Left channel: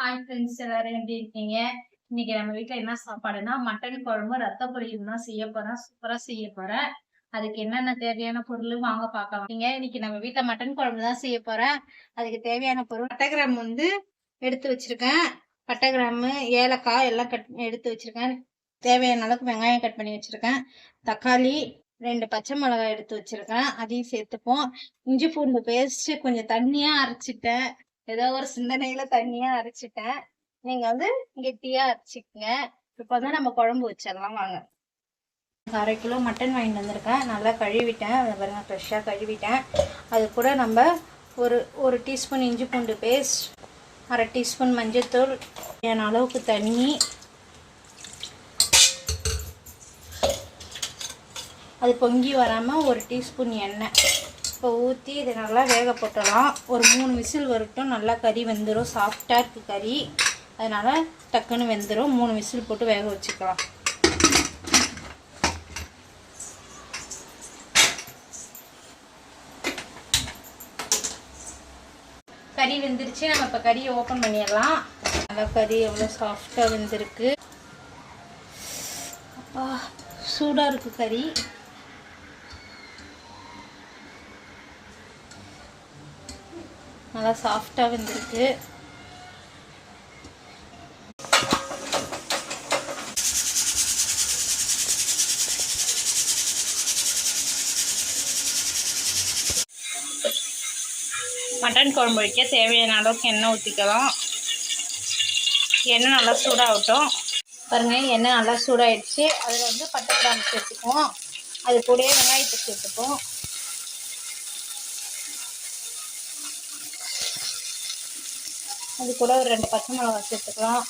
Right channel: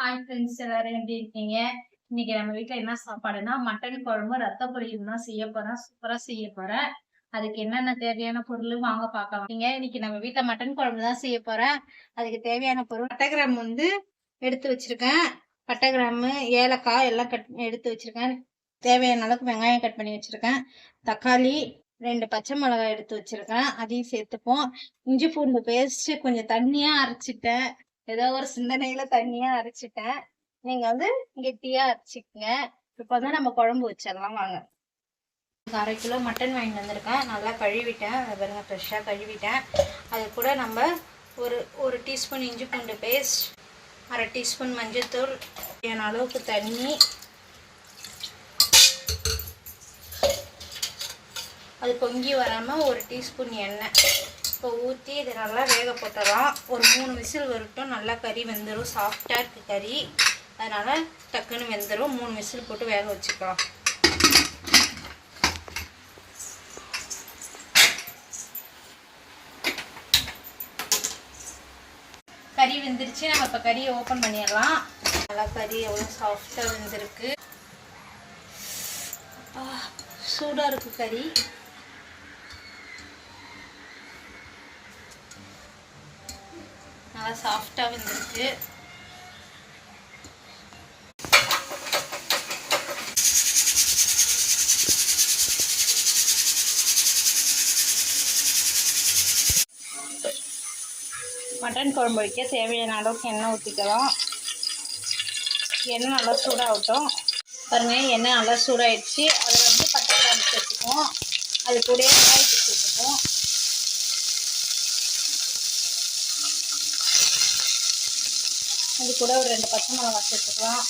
Hi friends, எல்லாரும் எப்படி இருக்கீங்க? இன்னைக்கு நம்ம வீட்ல என்ன சாப்பாடுன்னா, மட்டன் குழம்பு ரத்த பொரியல் தான் செய்ய போறேன். சூப்பரா செய்ய போறேன். அதுக்கு என்னென்ன தேவையான பொருள் வாங்க பார்க்கலாம். இன்னைக்கு நம்ம வீட்ல மட்டன் குழம்பு தான் செய்ய போறேன். அதுக்கு தேவையான பொருள் பட்டை கிராம்பு எடுத்து வச்சிருக்கேன். பட்டை கிராம்பு, ஏலக்காய் எல்லாம் எடுத்து வச்சிருக்கேன். தேவையான அளவுக்கு வெங்காயம் கட் பண்ணி வச்சிருக்கேன். தக்காளி, 2 பச்சை மிளகாய் எடுத்து வச்சிருக்கேன். அதையும் சேர்த்துப்போம். இஞ்சி பூண்டு பேஸ்ட் கொஞ்சம் தண்ணியா அரைச்சிட்டேன். ஏதோ ஒரு சிந்தனையில தண்ணியா அரைச்சிட்டேன். நீங்க கெட்டியா அரைச்சிக்கங்க. இப்ப நம்ம குழம்பு வச்சிடலாம் வாங்க. 1/2 கிலோ மட்டன் வாங்கிட்டு வந்திருக்கேன். நல்லா கழுவிட்டேன். ஃப்ரெஷ்ஷாக கழுவிட்டேன். அது கூட நம்ம ஒரு டீஸ்பூன் இஞ்சி பூண்டு பேஸ்ட், 1/2 டீஸ்பூன் மஞ்சள்தூள், தேவையான அளவுக்கு தண்ணி, அது பொங்கி வராமல் 1 டீஸ்பூன் எண்ணெய் இப்போ ஊற்றி இதை நல்லா வேக போட்டுடலாம். ஒரு 3 விசில் வரட்டும். நல்லா கறி வெந்துடும். சாஃப்டாக இருக்குது கறி, அதனால் டக்குன்னு வெந்துடும். 3 விசில் போட்டு வேக வச்சுக்கலாம். கறி வெந்துருச்சு. நம்ம இப்போ கறியை ஓப்பன் பண்ணிடலாம். நல்லா கறி எவ்வளோ சாஃப்டாக வெந்திருக்கு. அப்பா சூடாக இருக்குது கறி. நல்லா சாஃப்டாக வந்துருக்கு. மட்டன் குழம்பு வைக்க தேவையான அளவுக்கு எண்ணெய் ஊற்றிக்கலாம். எண்ணெய் நல்லா சூடாகட்டும். பாருங்கள், எண்ணெய் நல்லா சூடாகிடுச்சு. அதில் பட்டை கிராம்பு சேர்த்துக்குவோம். அது கூடயே வெங்காயத்தை சேர்த்துப்போம். அது கூட ஒரு 2 பச்சை மிளகாய் சேர்த்துக்கலாம்.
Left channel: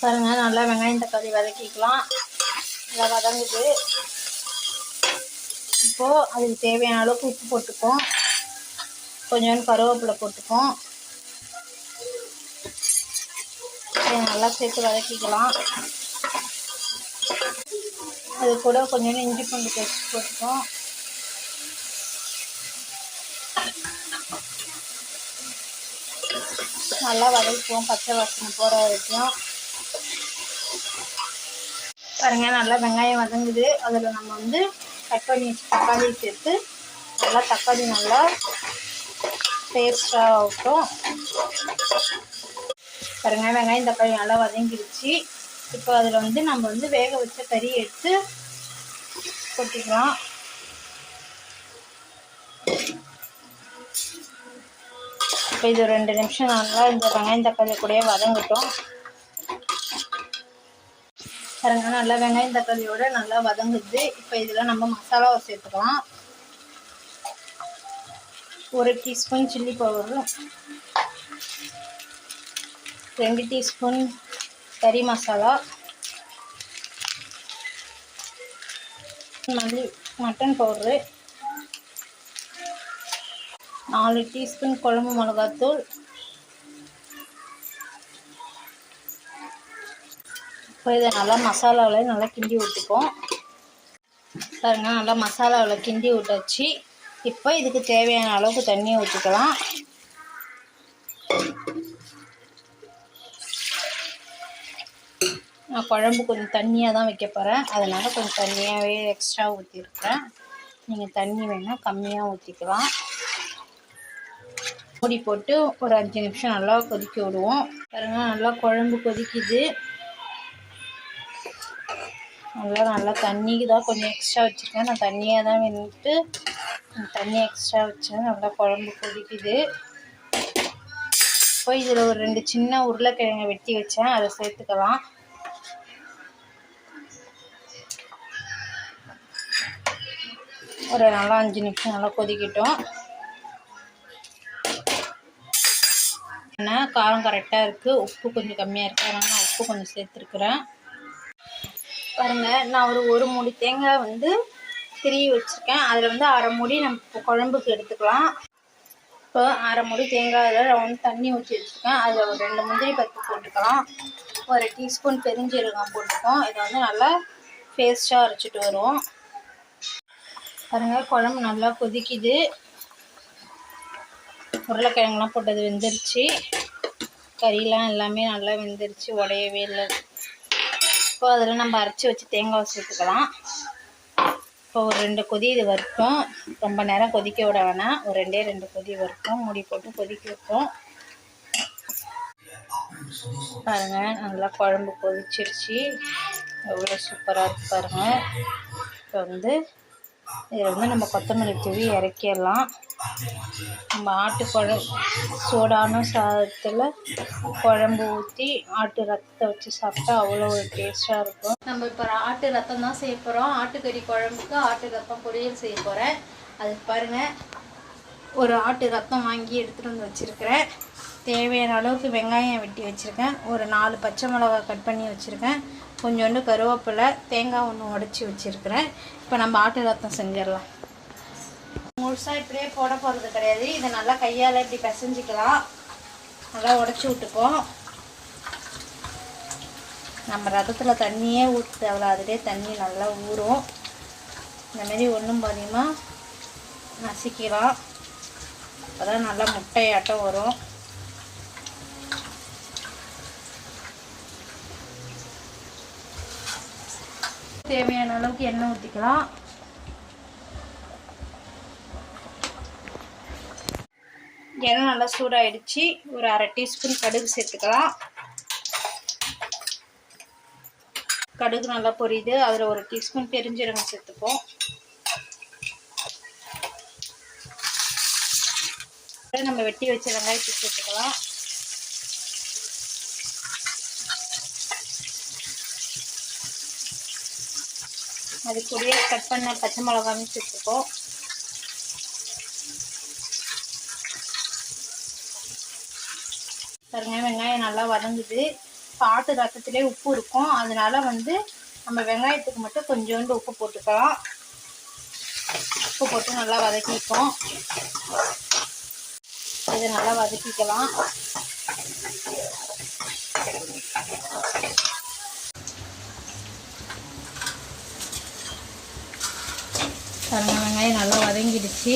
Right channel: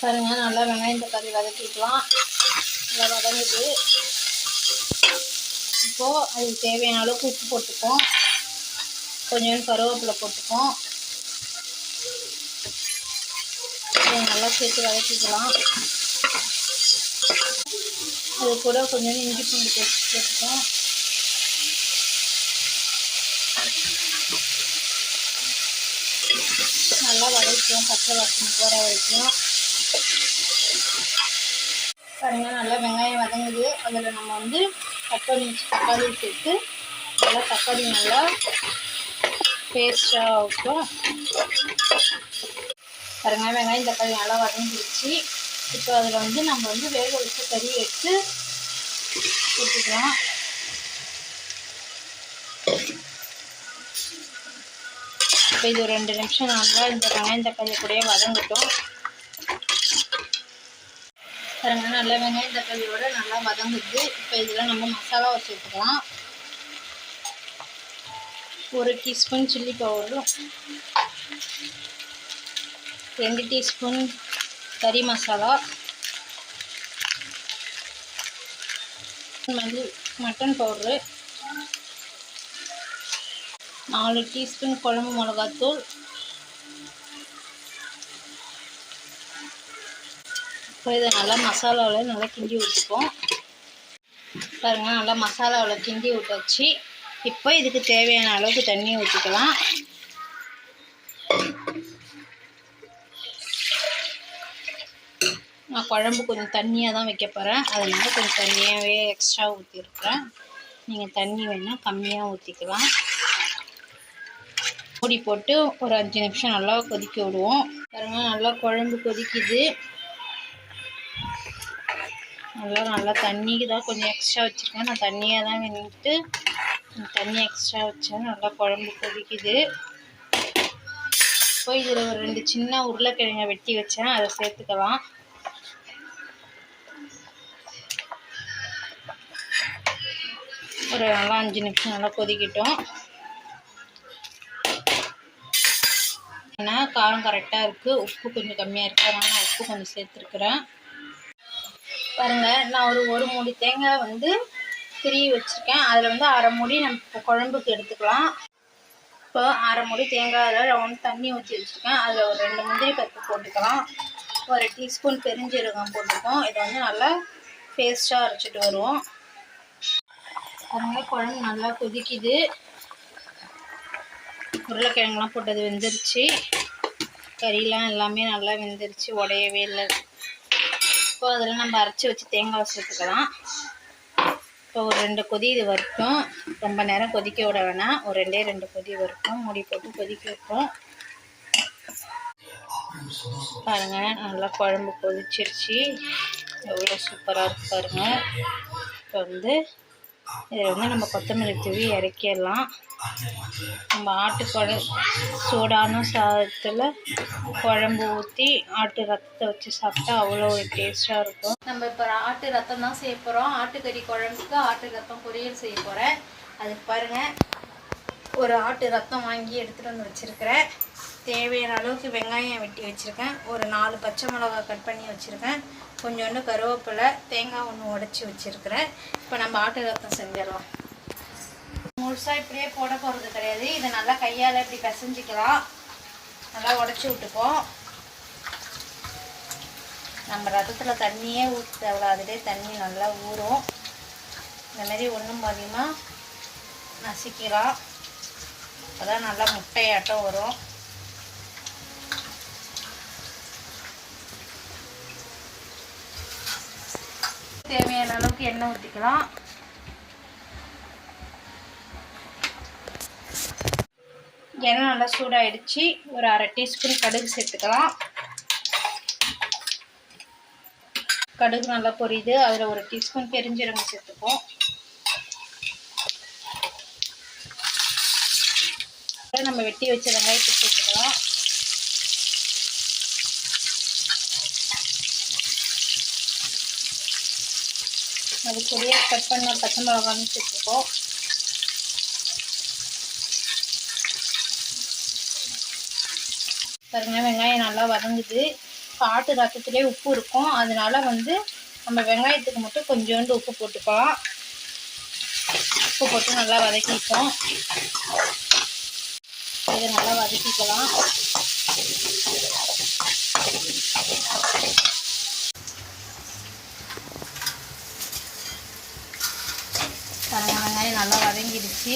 பாருங்க, நல்லா வெங்காயம் தக்காளி வதக்கிக்கலாம். நல்லா வதங்குது. இப்போது அதுக்கு தேவையான அளவுக்கு உப்பு போட்டுப்போம். கொஞ்சோண்டு கருவேப்பிலை போட்டுப்போம். நல்லா சேர்த்து வதக்கிக்கலாம். அது கூட கொஞ்சோண்டு இஞ்சி பூண்டு பேஸ்ட் போட்டுப்போம். நல்லா வதக்குவோம், பச்சை வாசனை போகிற வரைக்கும். பாருங்க, நல்லா வெங்காயம் வதங்குது. அதில் நம்ம கட் பண்ணி வச்சு தக்காளி சேர்த்து நல்லா தக்காளி நல்லா பேஸ்டாக ஆகட்டும். பாருங்க, வெங்காயம் தக்காளி நல்லா வதங்கிடுச்சு. இப்போ அதில் நம்ம வேக வச்ச கறி எடுத்து போட்டுக்கலாம். இப்போ இது 2 நிமிஷம் நல்லா இந்த வெங்காயம் தக்காளி கூடயே வதங்கட்டும். பாருங்க, நல்லா வெங்காயம் தக்காளியோட நல்லா வதங்குது. இப்போ இதில் நம்ம மசாலாவை சேர்த்துக்கலாம். 1 டீஸ்பூன் சில்லி பவுடர், 2 டீஸ்பூன் கறி மசாலா, மட்டன் பவுட்ரு, 4 டீஸ்பூன் குழம்பு மிளகாத்தூள், இப்போ இதை நல்லா மசாலாவில் நல்லா கிண்டி விட்டுப்போம். பாருங்கள், நல்லா மசாலாவில் கிண்டி விட்டாச்சு. இப்போ இதுக்கு தேவையான அளவுக்கு தண்ணி ஊற்றிக்கலாம். நான் குழம்பு கொஞ்சம் தண்ணியாக தான் வைக்க போகிறேன். அதனால் கொஞ்சம் தண்ணியாகவே எக்ஸ்ட்ரா ஊற்றிருக்கிறேன். நீங்கள் தண்ணி வேணால் கம்மியாக ஊற்றிக்கலாம். மூடி போட்டு ஒரு 5 நிமிஷம் நல்லா கொதிக்க விடுவோம். பாருங்கள், நல்லா குழம்பு கொதிக்குது. நல்லா தண்ணிக்கு தான் கொஞ்சம் எக்ஸ்ட்ரா வச்சுருக்கேன். நான் தண்ணியாக தான் வேணுட்டு தண்ணி எக்ஸ்ட்ரா வச்சேன். நல்லா குழம்பு கொதிக்குது. இப்போ இதில் ஒரு 2 சின்ன உருளைக்கிழங்கை வெட்டி வச்சேன், அதை சேர்த்துக்கலாம். ஒரு நல்லா 5 நிமிஷம் நல்லா கொதிக்கட்டும். ஏன்னா காரம் கரெக்டாக இருக்குது. உப்பு கொஞ்சம் கம்மியாக இருக்குது, அதனால் நான் உப்பு கொஞ்சம் சேர்த்துருக்குறேன். பாருங்கள், நான் ஒரு மூடி தேங்காய் திருவி வச்சுருக்கேன். அதில் 1/2 மூடி நம்ம இப்போ குழம்புக்கு எடுத்துக்கலாம். இப்போ 1/2 மூடி தேங்காயில் ரவுண்ட் தண்ணி ஊற்றி வச்சுருக்கேன். அதில் ஒரு 2 முந்திரி பருப்பு போட்டுக்கலாம். 1 டீஸ்பூன் பெருஞ்சீரகம் போட்டுப்போம். இதை நல்லா பேஸ்ட்டாக அரைச்சிட்டு வருவோம். பாருங்கள், குழம்பு நல்லா கொதிக்குது. உருளைக்கிழங்குலாம் போட்டது வெந்துருச்சு. கறிலாம் எல்லாமே நல்லா வெந்துருச்சு, உடையவே இல்லை. இப்போ அதில் நம்ம அரைச்சி வச்சு தேங்காய் சேர்த்துக்கலாம். இப்போ ஒரு 2 கொதி இது வரட்டும். ரொம்ப நேரம் கொதிக்க விட வேணாம், ஒரு 2 கொதி வரட்டும். மூடி போட்டு கொதிக்க வைப்போம். பாருங்கள், நல்லா குழம்பு கொதிச்சிருச்சு. எவ்வளோ சூப்பராக இருக்குது பாருங்கள். இப்போ இதில் நம்ம கொத்தமல்லி தூவி இறக்கிடலாம். நம்ம சூடான சாதத்தில் குழம்பு ஊற்றி ஆட்டு ரத்தத்தை வச்சு சாப்பிட்டா அவ்வளோ ஒரு டேஸ்ட்டாக இருக்கும். நம்ம இப்போ ஆட்டு ரத்தம் தான் செய்ய போகிறோம். ஆட்டுக்கறி குழம்புக்கு ஆட்டு ரத்தம் பொரியல் செய்ய போகிறேன். அதுக்கு பாருங்கள், ஒரு ஆட்டு ரத்தம் வாங்கி எடுத்துகிட்டு வந்து வச்சுருக்கிறேன். தேவையான அளவுக்கு வெங்காயம் வெட்டி வச்சுருக்கேன். ஒரு 4 பச்சை மிளகாய் கட் பண்ணி வச்சுருக்கேன். கொஞ்சோண்டு கருவேப்பிலை, தேங்காய் ஒன்று உடச்சி வச்சுருக்கிறேன். இப்போ நம்ம ஆட்டு ரத்தம் செஞ்சிடலாம். முழுசாக இப்படியே போட போகிறது கிடையாது. இதை நல்லா கையால் இப்படி பிசைஞ்சிக்கலாம். நல்லா உடச்சி விட்டுப்போம். நம்ம ரத்தத்தில் தண்ணியே ஊற்ற தேவை, அதிலே தண்ணி நல்லா ஊறும். இந்தமாரி ஒன்றும் பாதியமாக நசுக்கலாம். அப்போ தான் நல்லா முட்டையாட்டம் வரும். தேவையான அளவுக்கு எண்ணெய் ஊற்றிக்கலாம். எண்ணெய் நல்லா சூடாகிடுச்சு. ஒரு 1/2 டீஸ்பூன் கடுகு சேர்த்துக்கலாம். கடுகு நல்லா பொரியுது. அதில் 1 டீஸ்பூன் பெருஞ்சீரகம் சேர்த்துப்போம். நம்ம வெட்டி வச்ச வெங்காயத்தை சேர்த்துக்கலாம். அது கூடயே கட் பண்ண பச்சை மிளகாயும் சேர்த்துப்போம். பாருங்க, வெங்காயம் நல்லா வதங்குது. ஆட்டு ரத்தத்திலே உப்பு இருக்கும், அதனால நம்ம வெங்காயத்துக்கு மட்டும் கொஞ்சோண்டு உப்பு போட்டுக்கலாம். உப்பு போட்டு நல்லா வதக்கிப்போம். இதை நல்லா வதக்கிக்கலாம். வெங்காயம் நல்லா வதங்கிடுச்சு.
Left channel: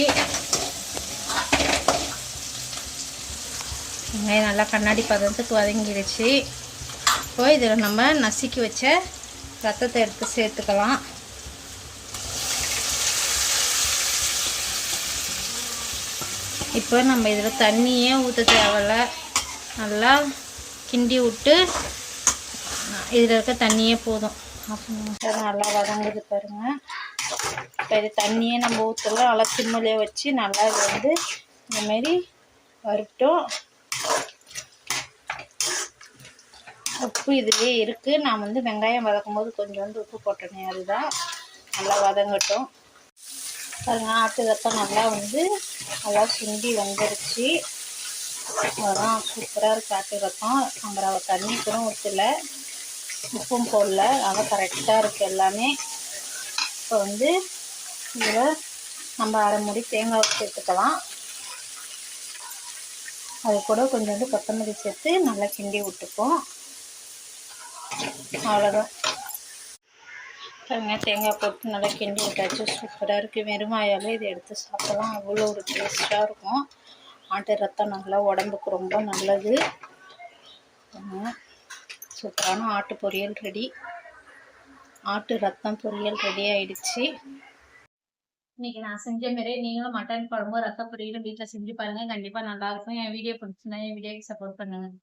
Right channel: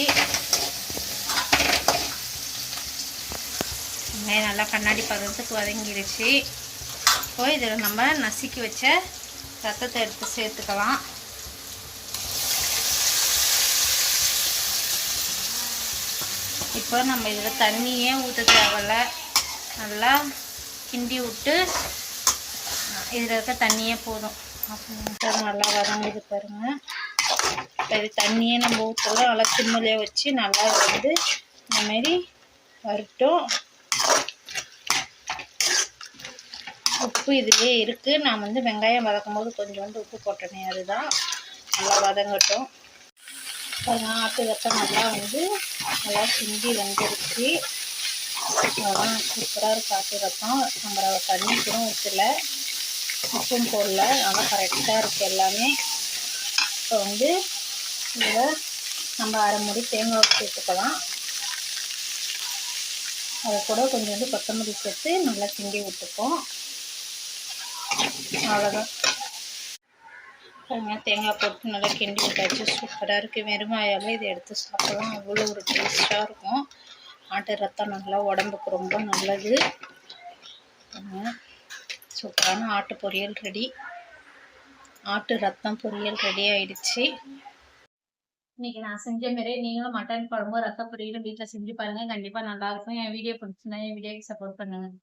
வெங்காயம் நல்லா கண்ணாடி பதத்துக்கு வதங்கிடுச்சு. இப்போ இதில் நம்ம நசுக்கி வச்ச ரத்தத்தை எடுத்து சேர்த்துக்கலாம். இப்போ நம்ம இதில் தண்ணியே ஊற்ற தேவையில்ல. நல்லா கிண்டி விட்டு இதில் இருக்க தண்ணியே போதும். நல்லா வதங்குது பாருங்கள். இப்போ இது தண்ணியே நம்ம ஊற்றல, நல்லா சிம்மிலே வச்சு நல்லா இந்தமாரி வரட்டும். உப்பு இதுலேயே இருக்குது. நான் வெங்காயம் வதக்கும் போது கொஞ்சோண்டு உப்பு போட்டேனே, அதுதான். நல்லா வதங்கட்டும். பாருங்கள், ஆட்டு ரத்தம் நல்லா நல்லா கிண்டி வந்துருச்சு. அதெல்லாம் சூப்பராக இருக்குது ஆட்டு ரத்தம். நம்ம தண்ணி கூட ஊற்றல, உப்பும் போடல, நல்லா கரெக்டாக இருக்குது எல்லாமே. இப்போ இதில் நம்ம 1/2 மூடி தேங்காய் சேர்த்துக்கலாம். அது கூட கொஞ்சோண்டு கொத்தமல்லி சேர்த்து நல்லா கிண்டி விட்டுப்போம். அவ்வளோதான். தேங்காய் போட்டு நல்லா கிண்டி விட்டாச்சு. சூப்பராக இருக்குது. வெறுமாயால் இதை எடுத்து சாப்பிடலாம், அவ்வளோ ஒரு டேஸ்ட்டாக இருக்கும். ஆட்டு ரத்தம் நல்லா உடம்புக்கு ரொம்ப நல்லது. சூப்பரான ஆட்டு பொரியல் ரெடி. ஆட்டு ரத்தம் பொரியல் ரெடி ஆயிடுச்சு. இன்னைக்கு நான் செஞ்ச மாரி நீங்களும் மட்டன் குழம்பு ரத்த பொரியலும் வீட்டில் செஞ்சு பாருங்கள். கண்டிப்பாக நல்லாயிருக்கும். என் வீடியோ பிடிச்சிருந்தா என் வீடியோக்கு சப்போர்ட் பண்ணுங்கள்.